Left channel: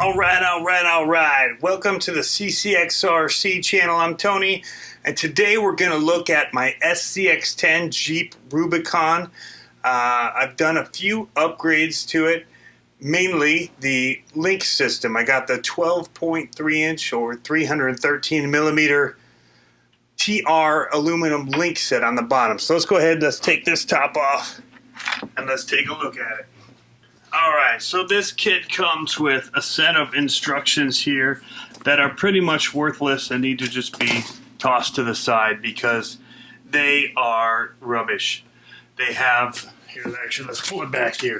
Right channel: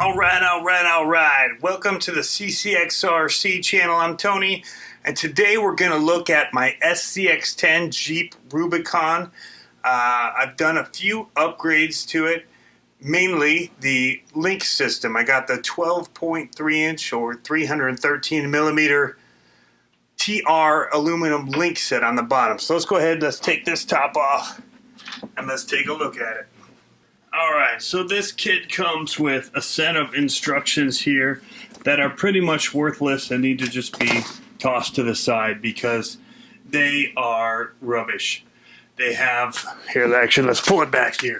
All right. Welcome to the CCxRC channel. I'm Tony, and today we're going to look at my SCX10 Jeep Rubicon. I've done a few upgrades to it, mainly the link system. I got the 12.3 inch or 313 millimeter TR aluminum link set on the bottom. So let's go ahead, let's take this top off, and let's take a look at it. Alright, so this kit comes with a set of instructions here that are pretty much worthless and need to just be tossed to the side because they are rubbish. They have, here actually let's pull it back here.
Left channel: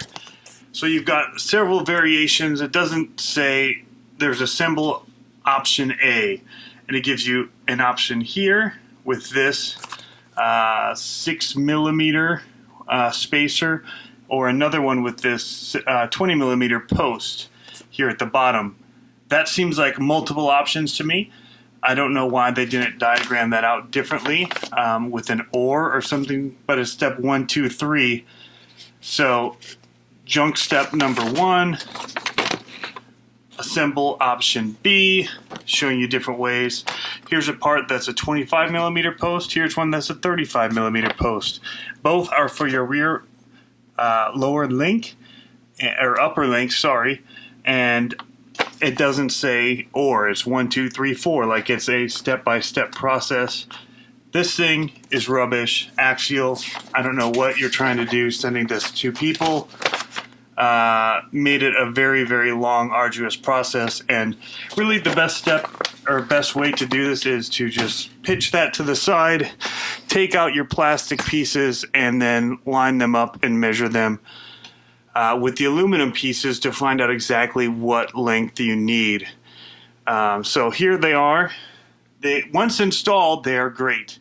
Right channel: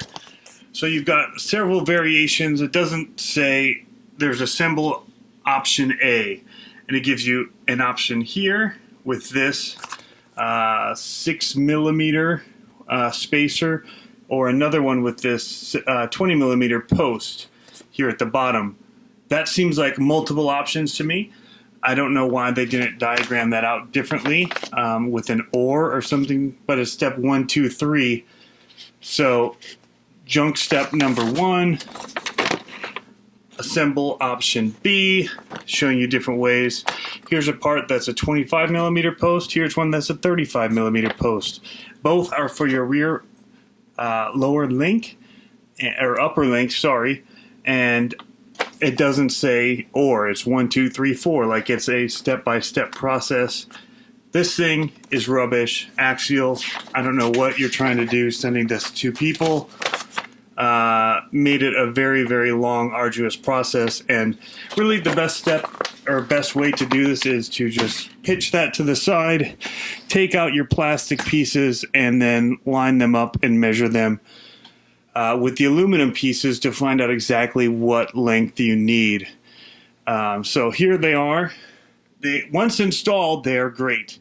So you've got several variations. It doesn't say, there's assemble option A, and it gives you an option here with this 6 millimeter spacer, or another one with this 20 millimeter post here at the bottom. That seems like multiple options to me. I don't know why they didn't diagram that out differently with an or something, but it's step 1, 2, 3. So junk step number 1, assemble option B, showing you different ways. Here's a part that's a 25 millimeter post. Here's one that's a 35 millimeter post. Both are for your rear lower link, or upper link, sorry, and it doesn't say or. It's 1, 2, 3, 4, like it's a step-by-step process. This thing is rubbish. Axial, I don't know what you're trying to do sending this to people. Made it a very, very long, arduous process, and really the best step or best way to do this is to just pitch that to the side, take out your plastic pieces, and then line them up and measure them with the aluminum pieces to find out exactly what length you need. So here they are. Once installed, they are great.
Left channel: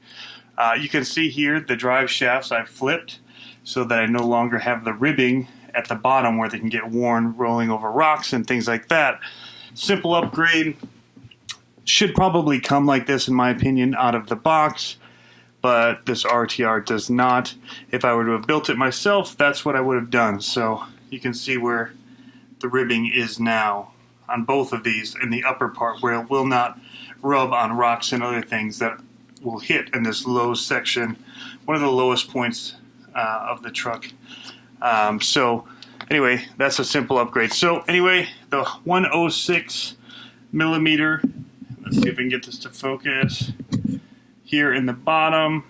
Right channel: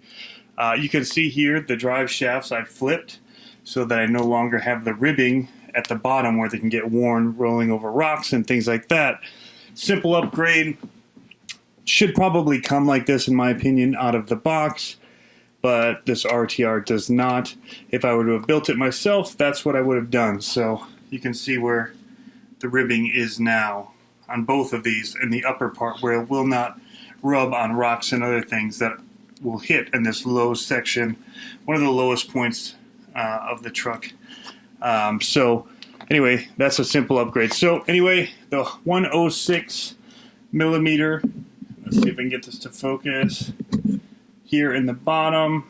You can see here the drive shafts I've flipped so that I no longer have the ribbing at the bottom where they can get worn rolling over rocks and things like that. Simple upgrade. Should probably come like this, in my opinion, out of the box, but this RTR does not. If I were to have built it myself, that's what I would have done. So you can see where the ribbing is now on both of these in the upper part, where it will not rub on rocks and other things that will hit in this low section, one of the lowest points of the truck. So anyway, that's a simple upgrade. So anyway, the 106 millimeter, let's see if I can get this to focus, here in the bottom.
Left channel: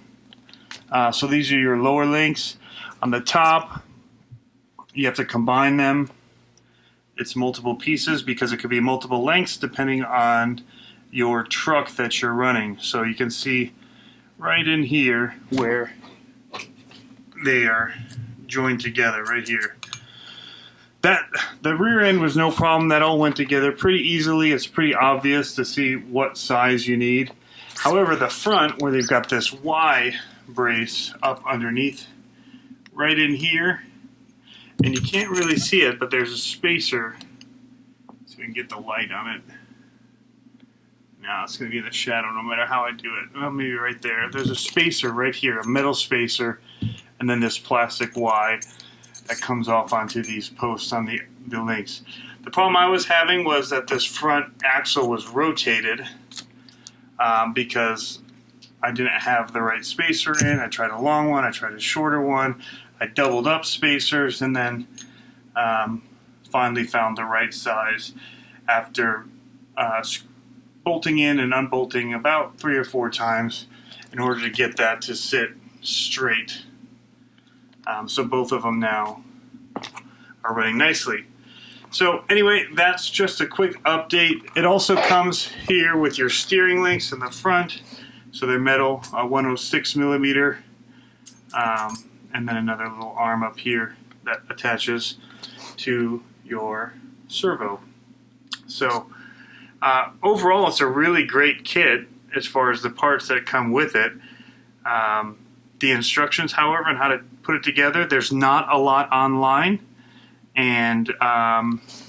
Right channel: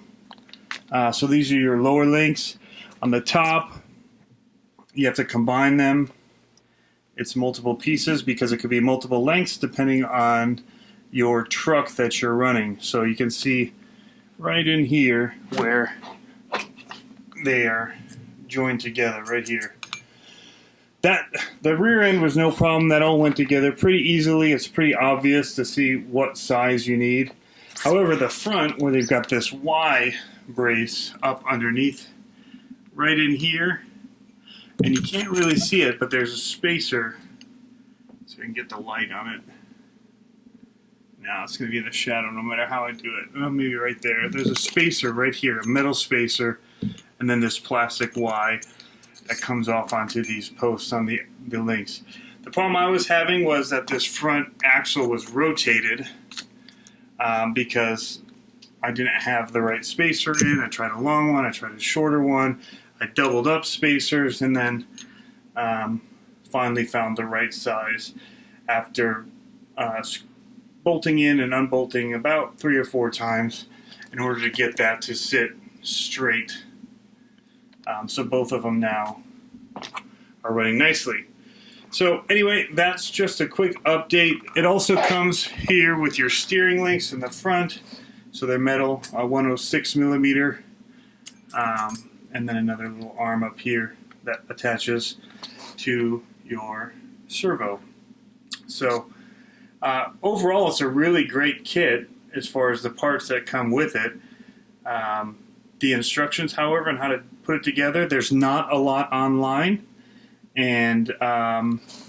So these are your lower links. On the top, you have to combine them. It's multiple pieces because it could be multiple lengths depending on your truck that you're running. So you can see right in here where they are joined together, right here. The rear end was no problem. That all went together pretty easily. It's pretty obvious to see what size you need. However, the front, where they've got this Y brace up underneath, right in here, and you can't really see it, but there's a spacer, so we can get the light on it. Now it's going to be in the shadow no matter how I do it. Well, maybe right there. There's a spacer right here, a metal spacer, and then this plastic Y that comes off onto these posts on the links. The problem I was having was that this front axle was rotated because I didn't have the right spacer in. I tried a long one, I tried a shorter one, I doubled up spacers, and then finally found the right size after bolting in and unbolting about 3 or 4 times in order to get that to sit straight. So both of them now are running nicely. So anyway, that's just a quick update. It also comes here with your steering links in the front. So they're metal, 106 millimeter, and then another little arm up here that attaches to your servo. So overall, it's a really great kit as far as the parts that come with it. The instructions, however, on how to put it together, there's not a lot online. And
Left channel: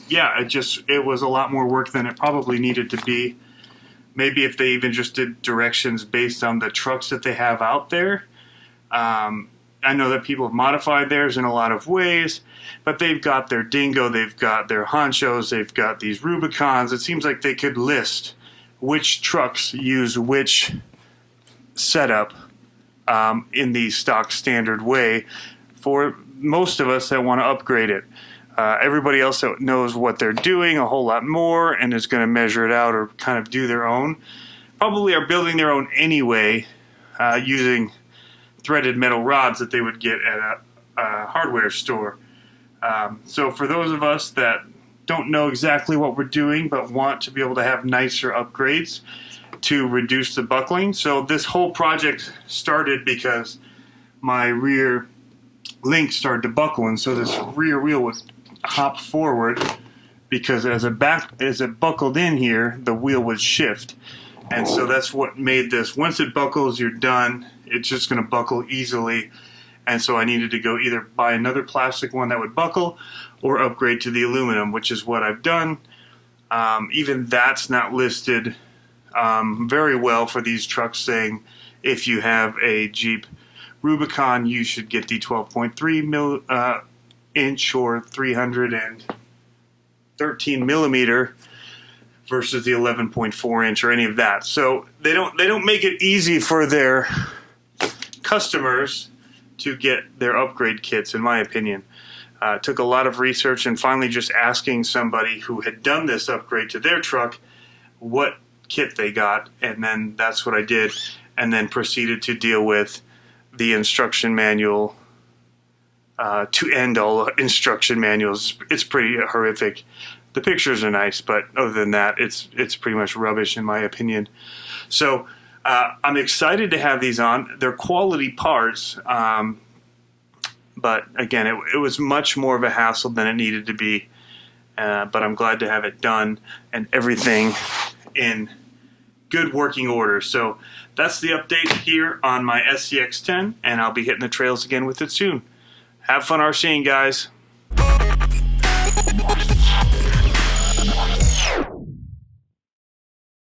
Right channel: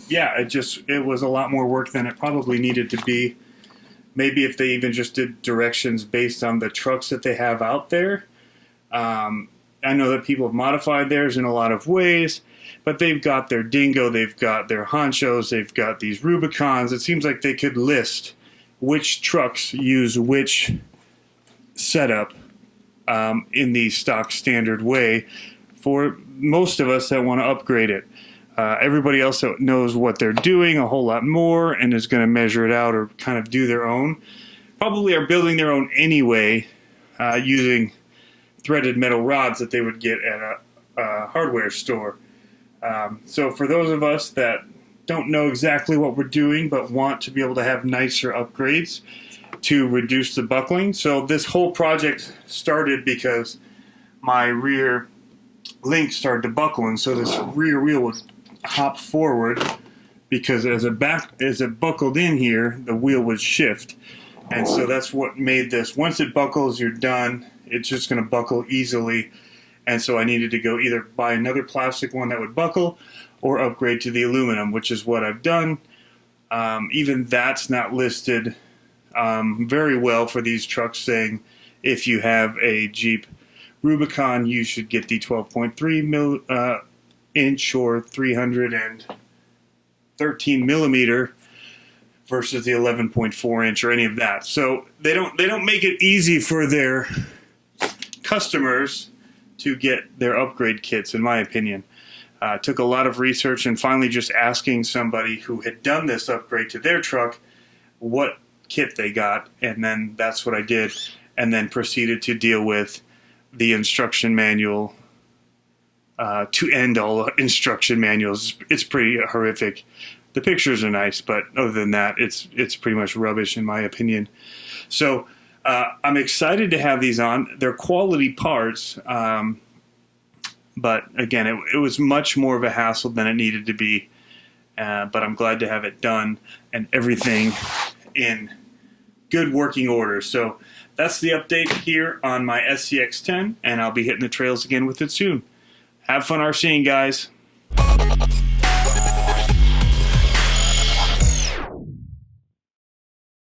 yeah, it was a lot more work than it probably needed to be. Maybe if they even just did directions based on the trucks that they have out there, I know that people have modified theirs in a lot of ways, but they've got their Dingo, they've got their Honchos, they've got these Rubicons. It seems like they could list which trucks use which setup in the stock standard way for most of us that want to upgrade it. Everybody else that knows what they're doing a whole lot more and is going to measure it out or kind of do their own, probably are building their own anyway, using threaded metal rods that they would get at a hardware store. So for those of us that don't know exactly what we're doing but want to be able to have nicer upgrades to reduce the buckling. So this whole project started because my rear link started to buckle, and so this rear wheel would hop forward because as it buckled in here, the wheel would shift. And so that's what made this. Once it buckles, you're done. It's just going to buckle easily. And so I needed to go either buy another plastic one that would buckle or upgrade to the aluminum, which is what I've done. Even that's not listed very well for these trucks, saying if you have a Jeep Rubicon, you should get the 12.3 inch or 313 millimeter versus the 11.4 inch or any of that. So they don't make it easy for their customers to get their upgrade kits, in my opinion. It took a lot of research and finally just asking somebody who had done this upgrade to their truck what kit they got, and then that's what I did, and then proceeded to deal with the instruction manual to end all instruction manuals. It's pretty horrific. The pictures are nice, but other than that, it's pretty much rubbish in my opinion. So I'm excited to have these on. They're quality parts, but again, it was much more of a hassle than it needed to be. But I'm glad to have it done and everything in good working order. So that's the update here on my SCX10, and I'll be hitting the trails again with it soon. Have fun RCing, guys.